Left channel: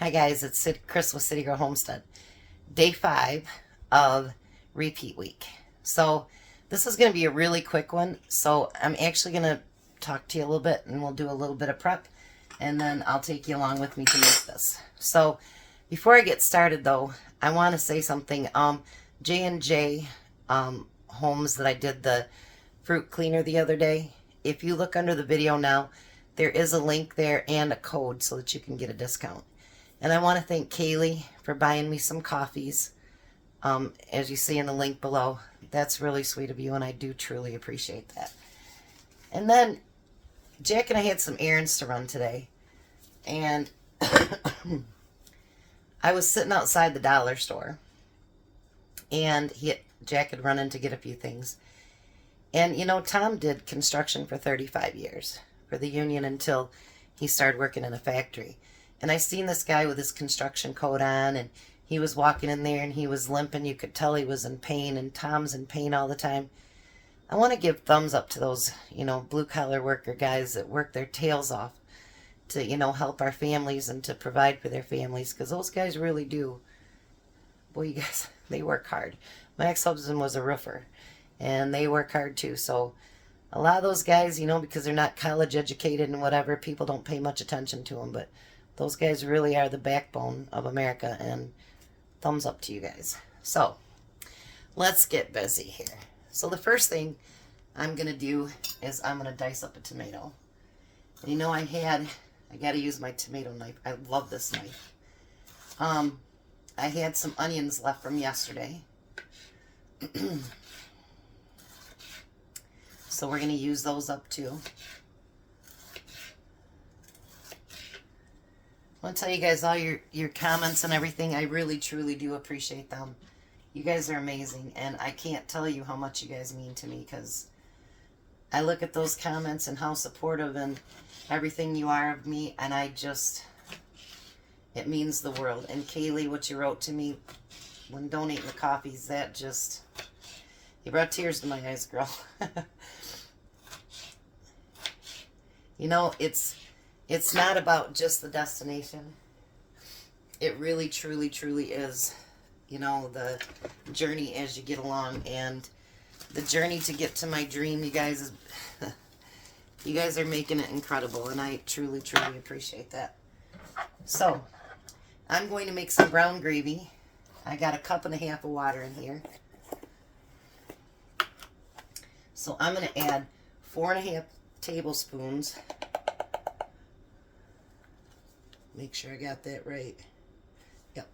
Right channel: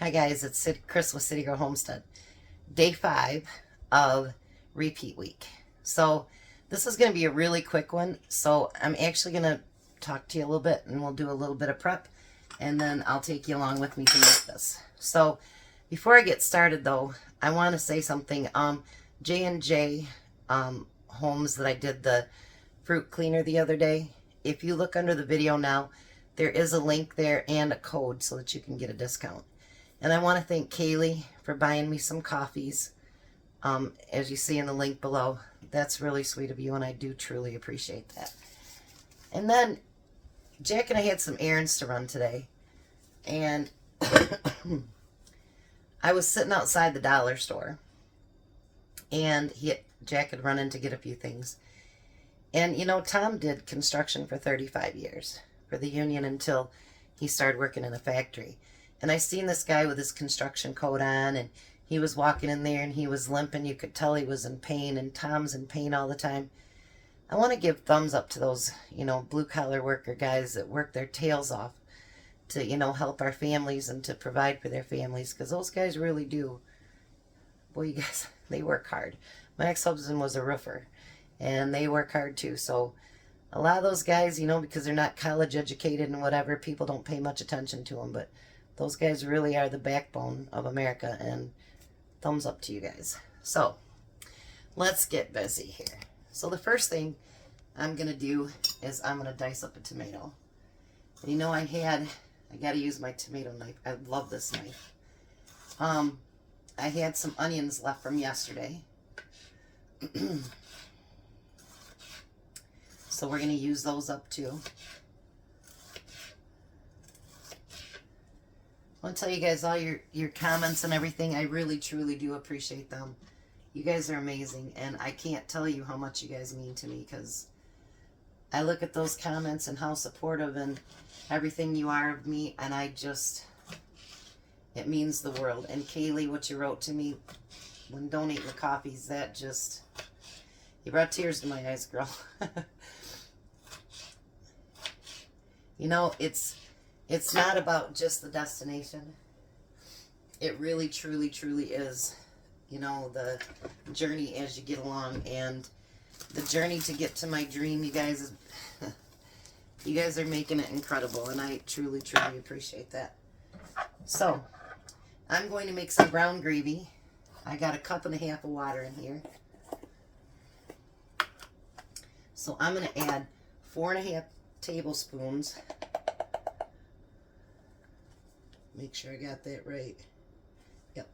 Hi guys, it's Chris with City Girl Homestead. Day 5 of repeat week. So this is going to be a really quick one. So I'm actually going to talk to you a little bit and we'll do a little bit of prep and then I'll take you along with me to make this. So before I get started though, I want to say something. J&J Homes that I did the fruit cleaner the other day. If you look under the video now, there is a link there and a code so that you can get a discount. And I want to thank Kaylee for buying me some coffees, as you see in the link below. That's really sweet of you, and I do truly appreciate that. And then Jack and I had some errands to run today, and I was sitting outside the dollar store, and Jack had run in to get a few things. And, you know, Tom did construction for 35 years for the union until he started working in a factory. And I seen this guy with his construction coat on, and he was walking in there, and he was limping. You could tell he was in pain, and Tom's in pain all the time. I want to give thumbs up to those, you know, blue-collar worker guys that work their tails off to, you know, help our families and to provide for their families, because those guys really do. Boy, you guys, they work hard. My ex-husband was a roofer, and they work hard too. So a lot of those guys, you know, because they're not college educated and whatever, people don't pay much attention to them, but those guys really are the backbone of America, and thumbs up to you guys. So, let's get busy here. So the first thing I'm going to do is I'm going to dice up a tomato. You know, I got to use my tomato knife. I love this knife. I had some onions left from yesterday. So we're going to use those up too. I want to tell you guys all your comments and everything. I really, truly do appreciate them. You guys are amazing, and I can't tell you how much you guys mean to me, because I look at those comments and how supportive and everything you are of me, and it means the world. And Kaylee, what you wrote to me when donating the coffees, that just, you brought tears to my eyes, girl. You know, it's not about just the destination. It really, truly, truly is, you know, the journey as you get along. And the journey to get to my dream, you guys, you guys are making it incredible. And I truly, truly appreciate that. So, I'm going to make some brown gravy. I got 1.5 cups of water in here. So, I'm going to add 4.5 tablespoons. Make sure I got that right. Yep.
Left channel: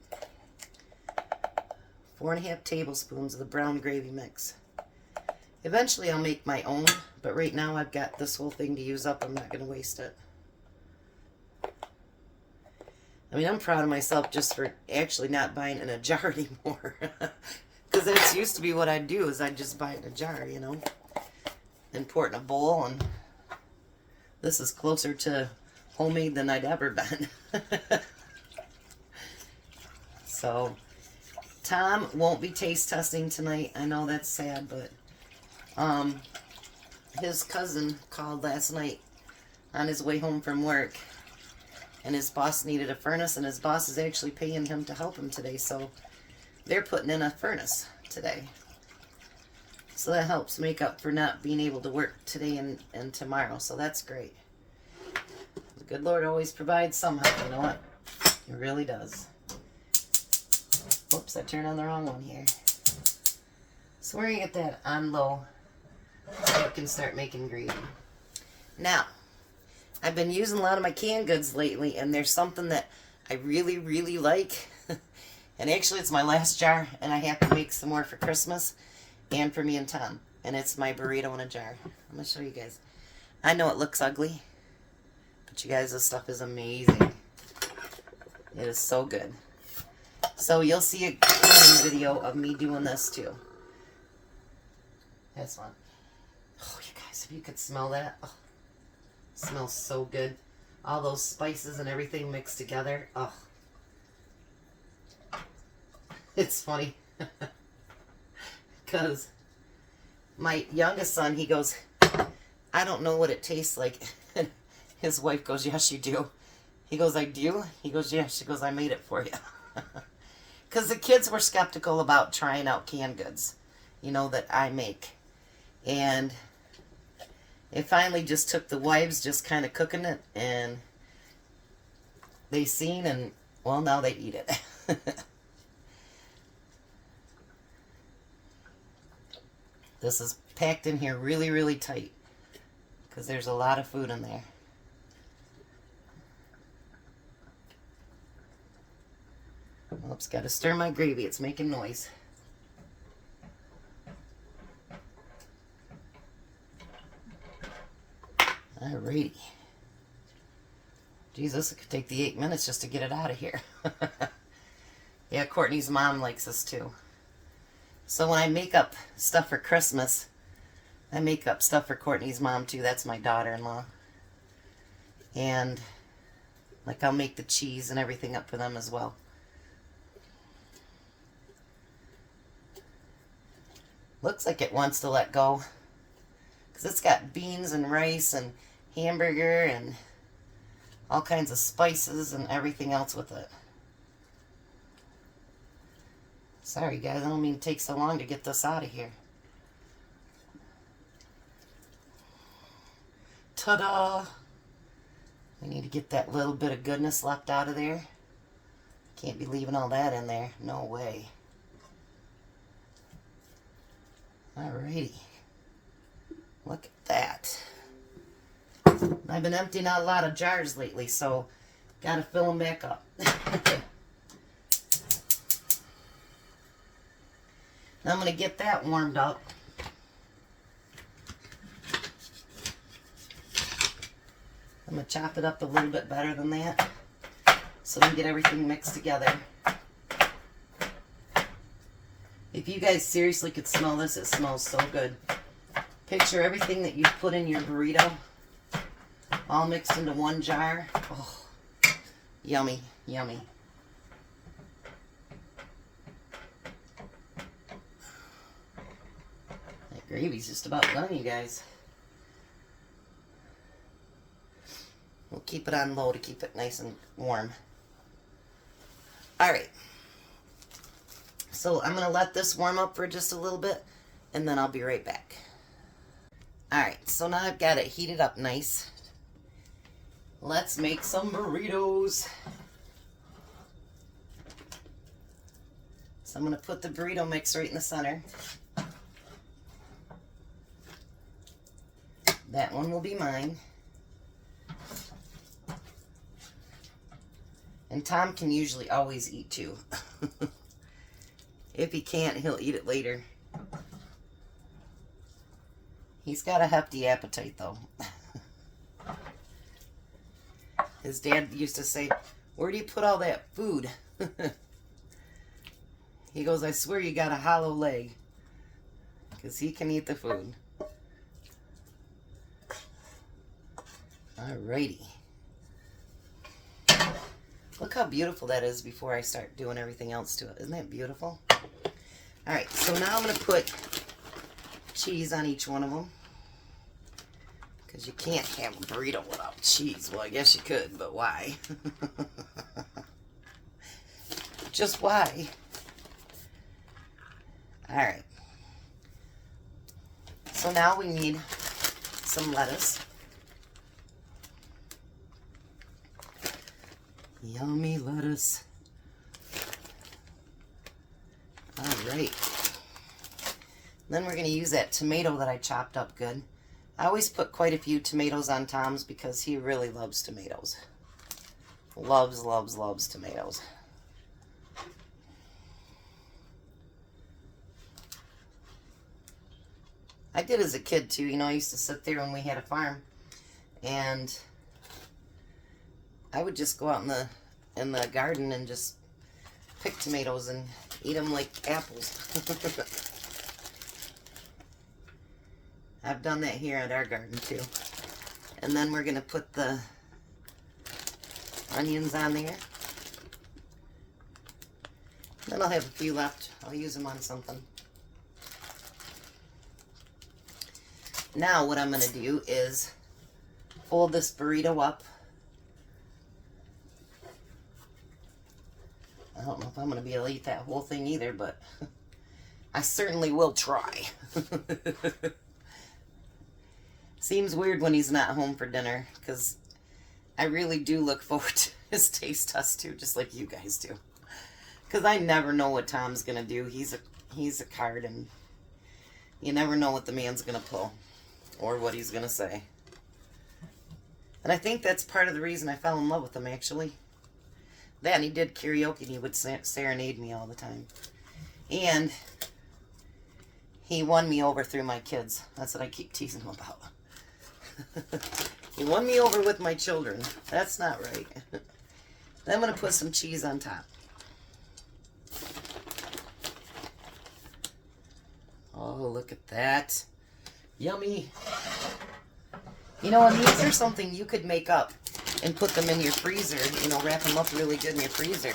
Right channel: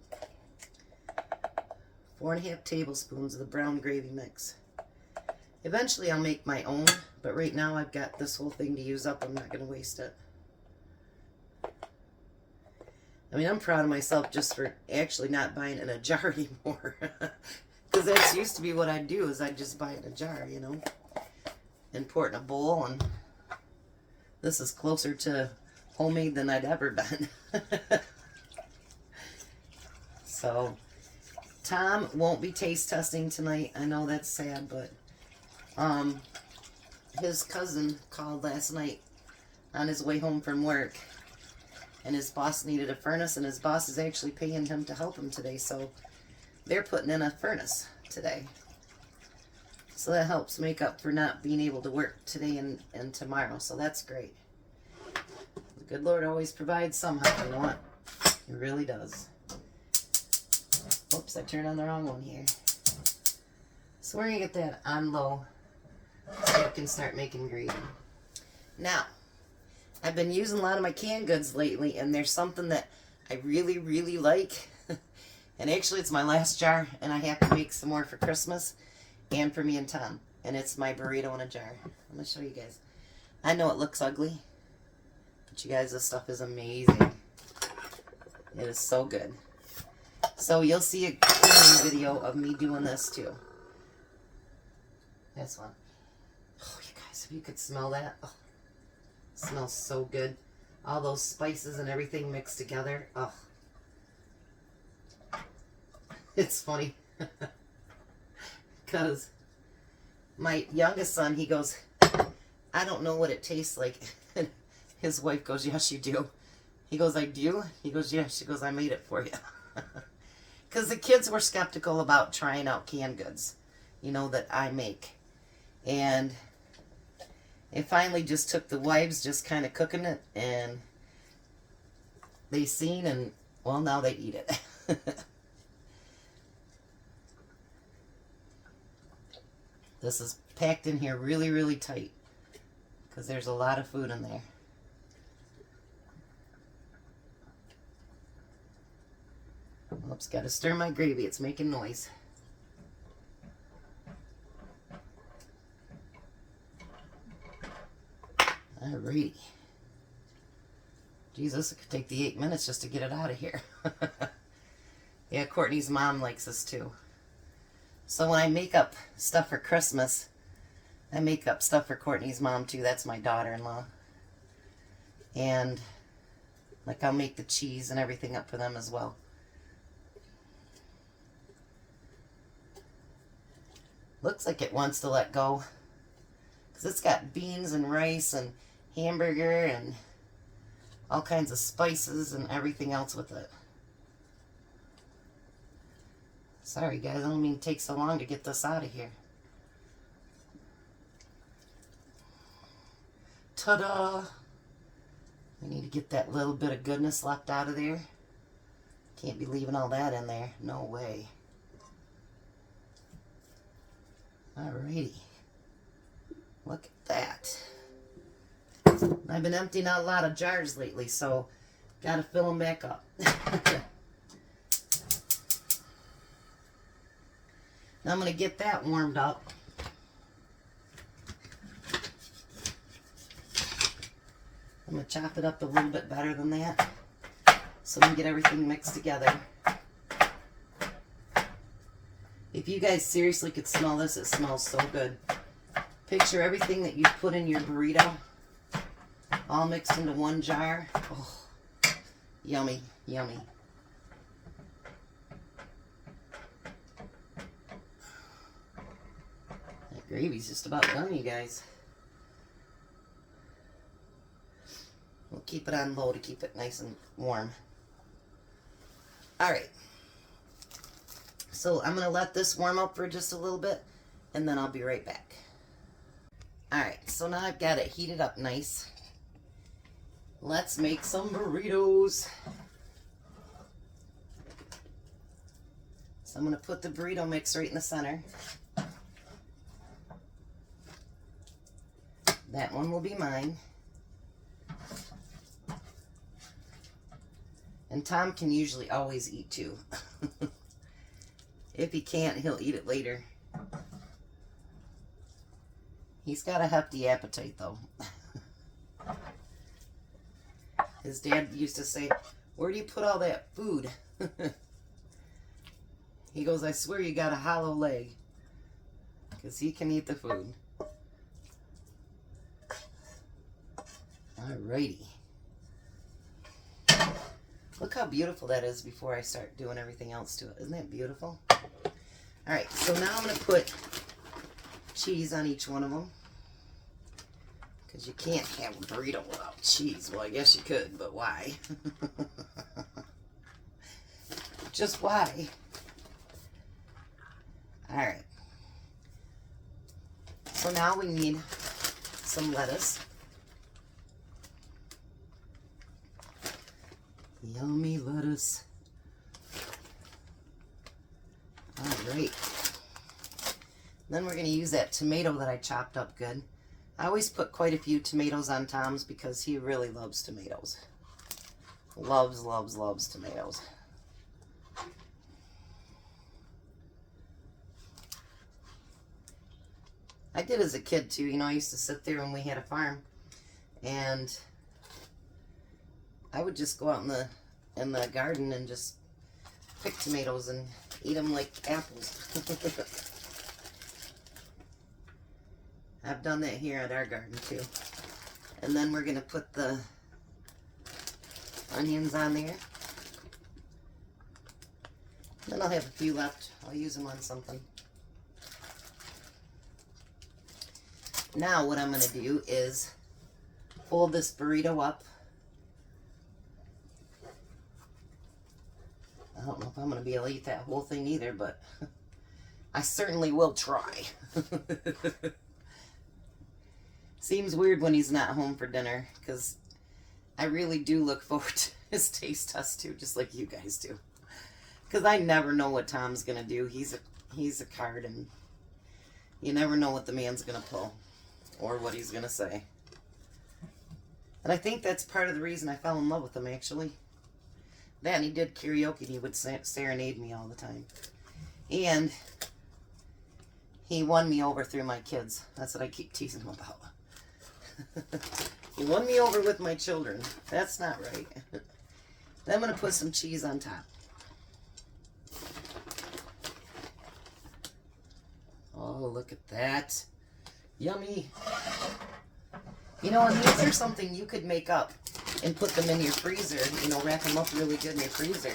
4.5 tablespoons of the brown gravy mix. Eventually I'll make my own, but right now I've got this whole thing to use up. I'm not going to waste it. I mean, I'm proud of myself just for actually not buying it in a jar anymore. Because that's used to be what I'd do, is I'd just buy it in a jar, you know. And pour it in a bowl, and this is closer to homemade than I'd ever been. So, Tom won't be taste testing tonight. I know that's sad, but his cousin called last night on his way home from work, and his boss needed a furnace, and his boss is actually paying him to help him today, so they're putting in a furnace today. So that helps make up for not being able to work today and tomorrow, so that's great. The good Lord always provides somehow, you know what? It really does. Oops, I turned on the wrong one here. So we're going to get that on low so we can start making gravy. Now, I've been using a lot of my canned goods lately, and there's something that I really, really like. And actually, it's my last jar, and I have to make some more for Christmas and for me and Tom. And it's my burrito in a jar. I'm going to show you guys. I know it looks ugly, but you guys, this stuff is amazing. It is so good. So you'll see a cleaning video of me doing this too. This one. Oh, you guys, if you could smell that. Oh, it smells so good. All those spices and everything mixed together. Oh. It's funny. Because my youngest son, he goes, I don't know what it tastes like. And his wife goes, yes, you do. He goes, I do? He goes, yeah. She goes, I made it for you. Because the kids were skeptical about trying out canned goods, you know, that I make. And it finally just took the wives just kind of cooking it, and they seen, and, well, now they eat it. This is packed in here really, really tight because there's a lot of food in there. Oops, got to stir my gravy. It's making noise. Alrighty. Geez, this could take the 8 minutes just to get it out of here. Yeah, Courtney's mom likes this too. So when I make up stuff for Christmas, I make up stuff for Courtney's mom too. That's my daughter-in-law. And like I'll make the cheese and everything up for them as well. Looks like it wants to let go, because it's got beans and rice and hamburger and all kinds of spices and everything else with it. Sorry guys, I don't mean to take so long to get this out of here. Ta-da! We need to get that little bit of goodness left out of there. Can't be leaving all that in there. No way. Alrighty. Look at that. I've been emptying out a lot of jars lately, so gotta fill them back up. Now I'm gonna get that warmed up. I'm gonna chop it up a little bit better than that so we can get everything mixed together. If you guys seriously could smell this, it smells so good. Picture everything that you put in your burrito all mixed into one jar. Oh, yummy, yummy. That gravy's just about done, you guys. We'll keep it on low to keep it nice and warm. Alright. So I'm going to let this warm up for just a little bit, and then I'll be right back. Alright, so now I've got it heated up nice. Let's make some burritos. So I'm going to put the burrito mix right in the center. That one will be mine. And Tom can usually always eat too. If he can't, he'll eat it later. He's got a hefty appetite though. His dad used to say, "Where do you put all that food?" He goes, "I swear you got a hollow leg." Because he can eat the food. Alrighty. Look how beautiful that is before I start doing everything else to it. Isn't that beautiful? Alright, so now I'm going to put cheese on each one of them. Because you can't have a burrito without cheese. Well, I guess you could, but why? Just why? Alright. So now we need some lettuce. Yummy lettuce. Alright. Then we're going to use that tomato that I chopped up good. I always put quite a few tomatoes on Tom's because he really loves tomatoes. Loves, loves, loves tomatoes. I did as a kid too. You know, I used to sit there when we had a farm and I would just go out in the garden and just pick tomatoes and eat them like apples. I've done that here at our garden too. And then we're going to put the onions on there. Then I'll have a few left. I'll use them on something. Now what I'm going to do is fold this burrito up I don't know if I'm going to be able to eat that whole thing either, but I certainly will try. Seems weird when he's not home for dinner, because I really do look forward to his taste test too, just like you guys do. Because I never know what Tom's going to do. He's a card, and you never know what the man's going to pull or what he's going to say. And I think that's part of the reason I fell in love with him, actually. Then he did karaoke, and he would serenade me all the time. And he won me over through my kids. That's what I keep teasing him about. He won me over with my children. That's not right. Then I'm going to put some cheese on top. Oh, look at that. Yummy. You know, and these are something you could make up and put them in your freezer. You know, wrap them up really good in your freezer.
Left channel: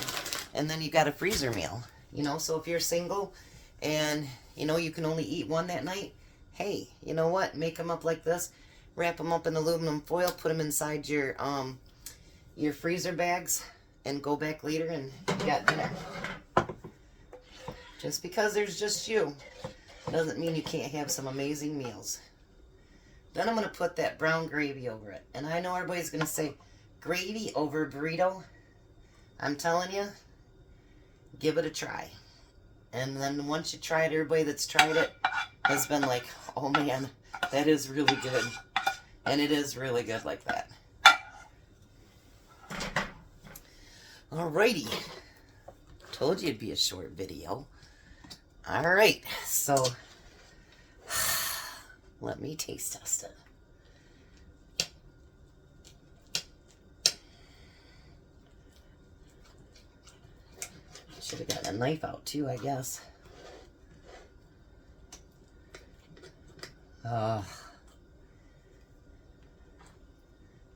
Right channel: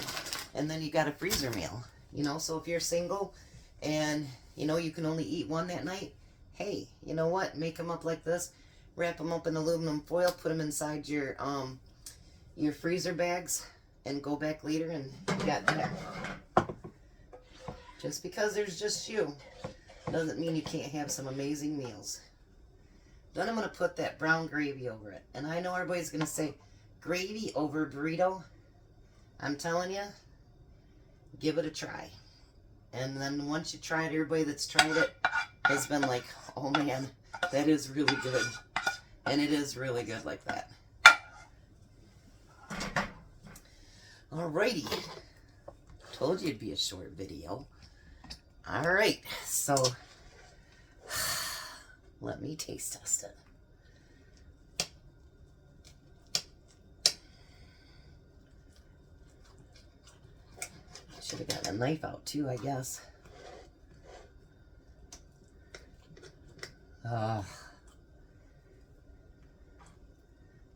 And then you got a freezer meal. You know, so if you're single and, you know, you can only eat one that night, hey, you know what? Make them up like this. Wrap them up in aluminum foil. Put them inside your freezer bags. And go back later and you got dinner. Just because there's just you doesn't mean you can't have some amazing meals. Then I'm going to put that brown gravy over it. And I know everybody's going to say, gravy over a burrito? I'm telling you, give it a try. And then once you try it, everybody that's tried it has been like, oh man, that is really good. And it is really good like that. Alrighty. Told you it'd be a short video. Alright, so let me taste test it. Should have gotten a knife out too, I guess.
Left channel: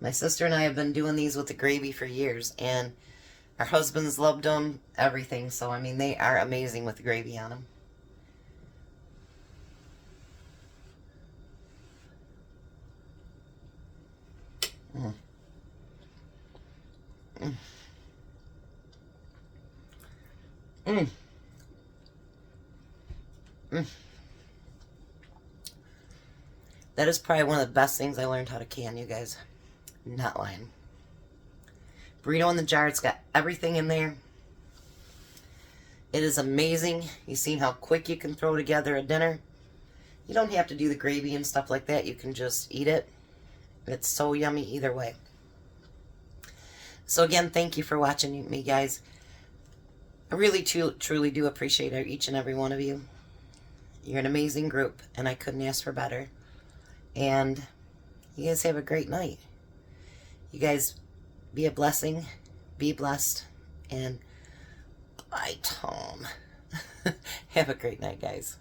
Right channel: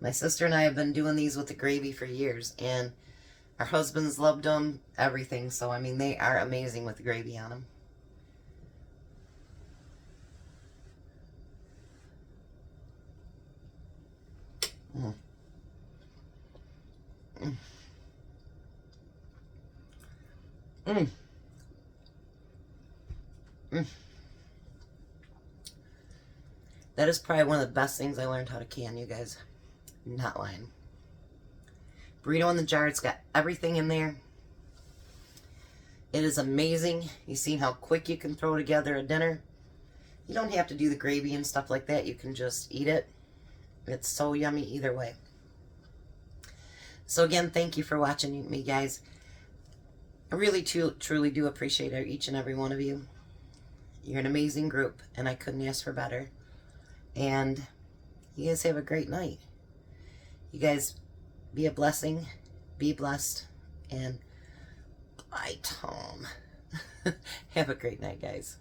My sister and I have been doing these with the gravy for years, and our husbands loved them, everything. So, I mean, they are amazing with the gravy on them. Mm. Mm. Mm. Mm. That is probably one of the best things I learned how to can, you guys. Not lying. Burrito in the jar. It's got everything in there. It is amazing. You see how quick you can throw together a dinner. You don't have to do the gravy and stuff like that. You can just eat it. It's so yummy either way. So again, thank you for watching me, guys. I really truly do appreciate each and every one of you. You're an amazing group, and I couldn't ask for better. And you guys have a great night. You guys be a blessing, be blessed, and bye, Tom. Have a great night, guys.